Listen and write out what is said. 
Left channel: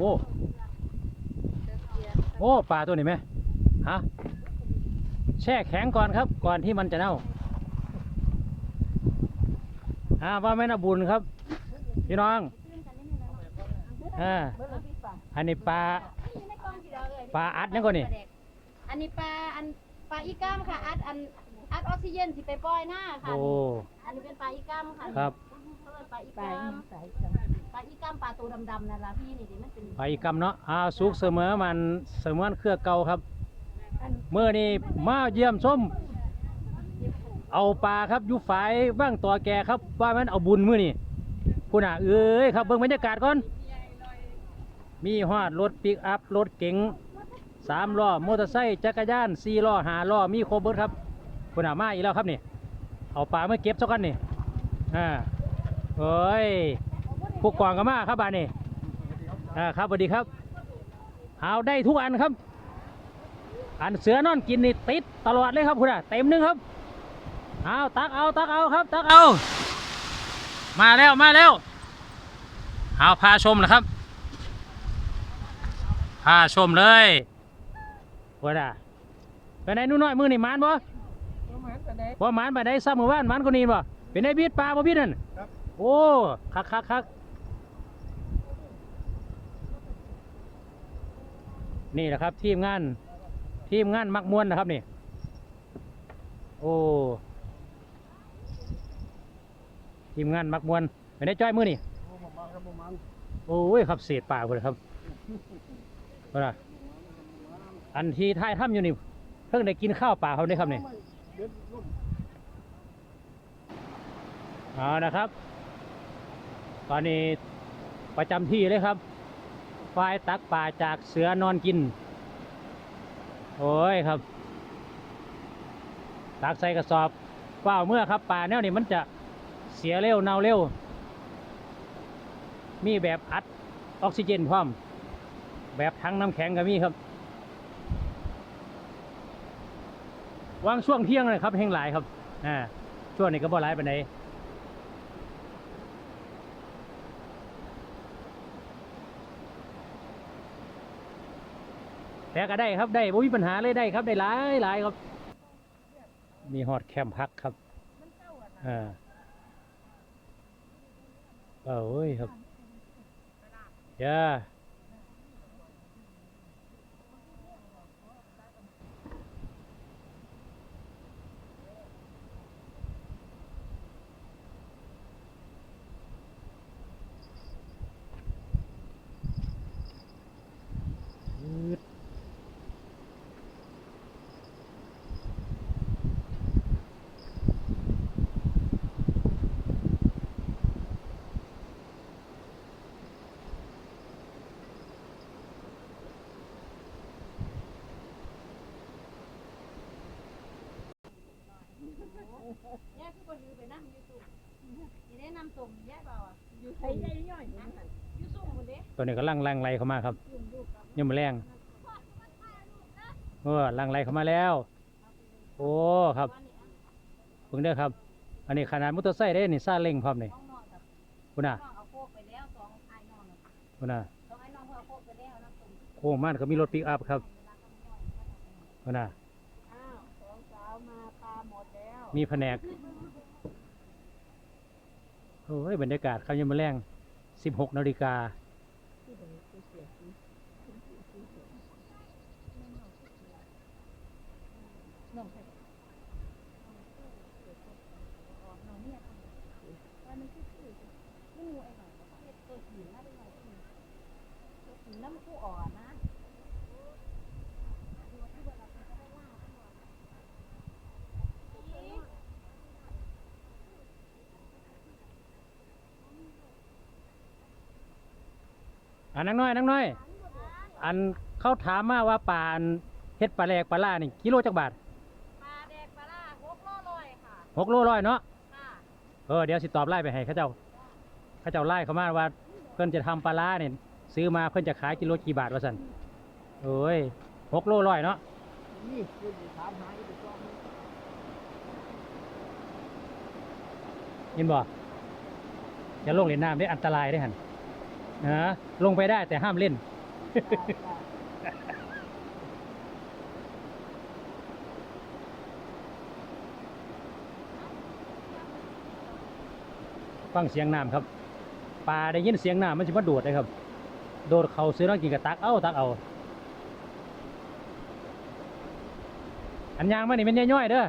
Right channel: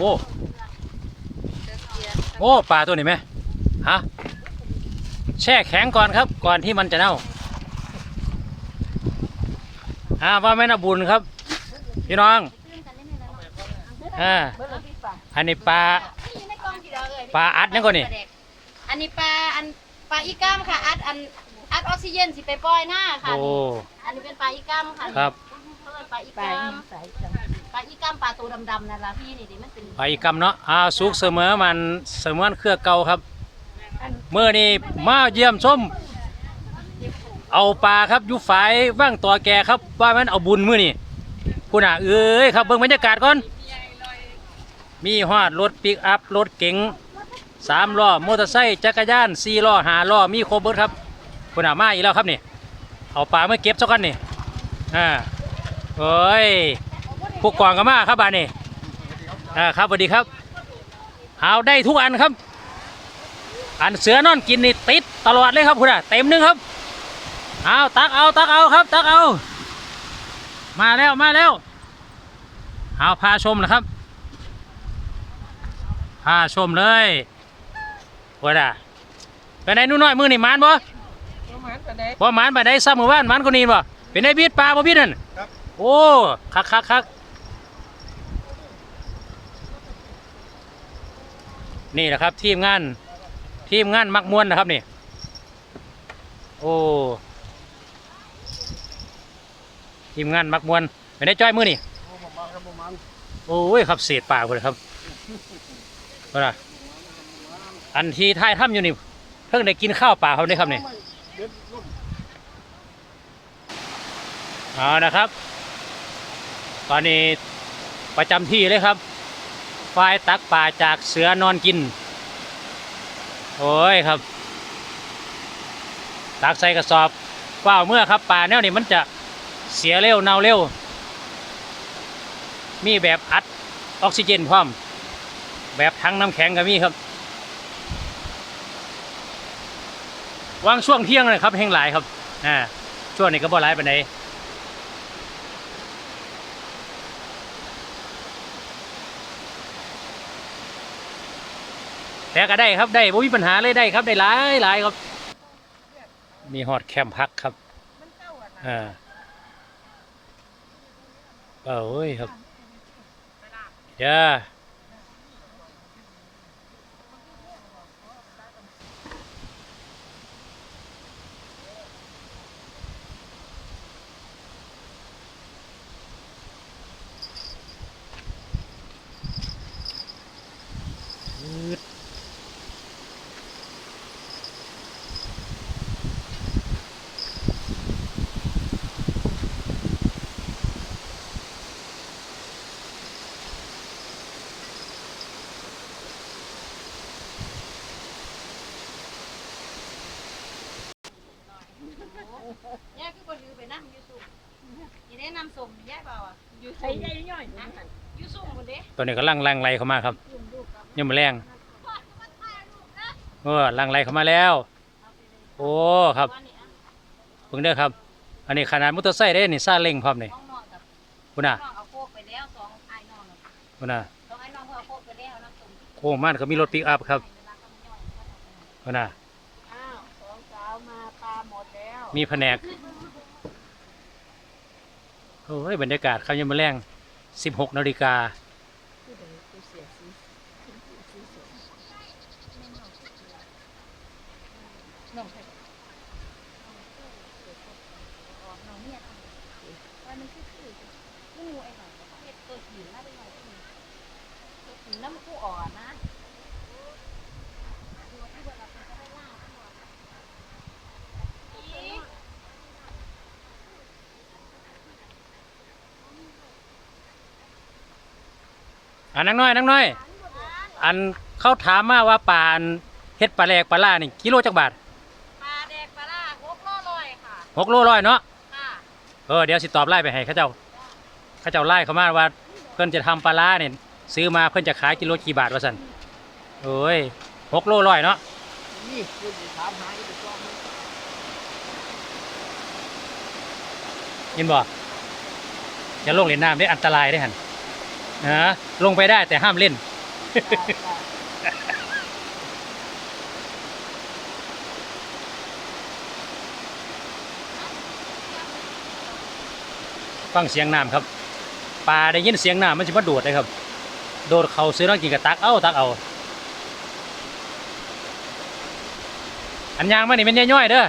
โอ้โอ้ปลาตัวนี้ไหมฮะแช่แข็งก่อนครับ ก่อนที่มันจะเน่าอ่าว่าแม่นบุญครับ พี่น้องอ่าอันนี้ปลาปลาอัดนี่ก่อนนี่อันนี้ปลาอันปลาอีกัมค่ะอัดอันอัดออกซิเจนสิไปปล่อยหน้าค่ะโอ้อันนี้เป็นปลาอีกัมค่ะครับเขาเรียกปลาอีกัม ปลาอีกัมปลาตัวดำๆนั่นล่ะพี่นี่ดิมันเป็นไปกำเนาะอ่าสุกเสมอมันเสมือนเครือเก่าครับเมื่อนี้มาเยี่ยมชมเอาปลาครับอยู่ฝ่ายว่างตัวแกครับ ว่ามันเอาบุญมื้อนี่คุณอะเอ้ยครับเบิ่งบรรยากาศก่อน มีฮอดรถปิกอัพรถเก๋งสามล้อมอเตอร์ไซค์จักรยานสี่ล้อห้าล้อมีครบเบิดครับคุณอะมาอีกแล้วครับนี่เอาปลามาเก็บเจ้ากันนี่อ่าเฮ้ย ผู้กองก็มาครับบ้านนี่อ่าครับสวัสดีครับเอาได้ทุกอันครับ อันเสือนอนกินนี่ติดตลอดเลยครับคุณอะเต็มหนึงครับเอาตักเอาตักเอาครับ ตักเอา มาแล้วมาแล้วเอาพาชมนะครับพาชมเลยว่าด่ะเป็นไงหนู่นน้อยมือนี่หมานบ่บ่หมานไปได้ซ้ำมือว่านหมานคนนี้บ่เป็นไงบีดปลาบ่บีดนั่นครับโอ้คักคักคัก นี่แหละครับทีมงานทีมงานมักมวนนะครับนี่โอ้ทีมงานมักมวนเป็นได้จ้อยมือนี่โอ้ยครับเศษปากเลยครับว่าล่ะอันที่ท้ายถ้ำอยู่นี่เพิ่งได้กินข้าวปล่าเขาได้ครับนี่เอานะครับ ตอนนี้ประจำที่เลยครับ ฝ่ายตักป่าจากเสือนอนกิน โอ้ยครับ ตักใส่กระสอบเปล่าเมื่อครับป่าแนวนี้มันจะเสียเร็วเน่าเร็ว มีแบบอัดออกซิเจนพร้อม แบบทั้งน้ำแข็งก็มีครับวางช่วงเที่ยงเลยครับแหงหลายครับอ่าช่วงนี้ก็บ่หลายปานใด แต่ก็ได้ครับได้ไม่มีปัญหาเลยได้ครับได้หลายหลายครับ มีฮอดแคมป์พักครับอ่าเอ้ยครับย่าอืด ย่าคือคนถือไปนั่งยูซุ่ม นี่แนะนำส่งย่าเปล่าอะยูใช้ซุ่มใหญ่ย่อยนะยูซุ่มหมดเด้ตัวนี้ก็ลังลังไรเข้ามาครับยังมาแรงเออลังไรเข้ามาแล้ว โอ้ครับว่านี่อะเพิ่งเด้อครับ อันนี้ขนาดมอเตอร์ไซค์ได้นี่ซาเล้งพร้อมนี่น้องนอนกับคุณน่ะน้องเอาโคกไปแล้วสองไอ้น้องน่ะคุณน่ะสองไอ้น้องเพื่อเอาโคกไปแล้วน้ำส้มโค้งมันก็มีรถปิกอัพครับคุณน่ะอ้าวสองสาวมาปลาหมดแล้วมีแผนก โอ้ยบรรยากาศครับยังมาแรง 16 นาฬิกา น้องใครน้องเนี่ยว่ามันคือคืองูไอ้หน่อยเห็ดตัวหินนะเป็นหน่อยตัวหินน้ำคู่อ่อนนะ อันนังน้อยนังน้อย อันเขาถามมาว่าปลาอันเฮ็ดปลาแหลกปลาล่านี่กิโลจักบาทปลาแดกปลาล่าหกโลลอยค่ะหกโลร้อยเนาะค่ะเออเดี๋ยวสิตอบไล่ไปให้เขาเจ้าเขาเจ้าไล่เขามาว่า เพิ่นจะทำปลาล่าเนี่ยซื้อมาเพิ่นจะขายกิโลกี่บาทวะสันโอ้ยหกโลร้อยเนาะนี่คุณถามหาอีกรอบนึงยินบ่อย่าลงเล่นน้ำได้อันตรายได้หัน นะลงไปได้แต่ห้ามเล่น ฟังเสียงน้ำครับปลาได้ยินเสียงน้ำมันจะมาโดดเลยครับ โดดเขาซื้อน้องกินกับตักเอาตักเอา อันยางมานี่เป็นย่อยๆเด้อ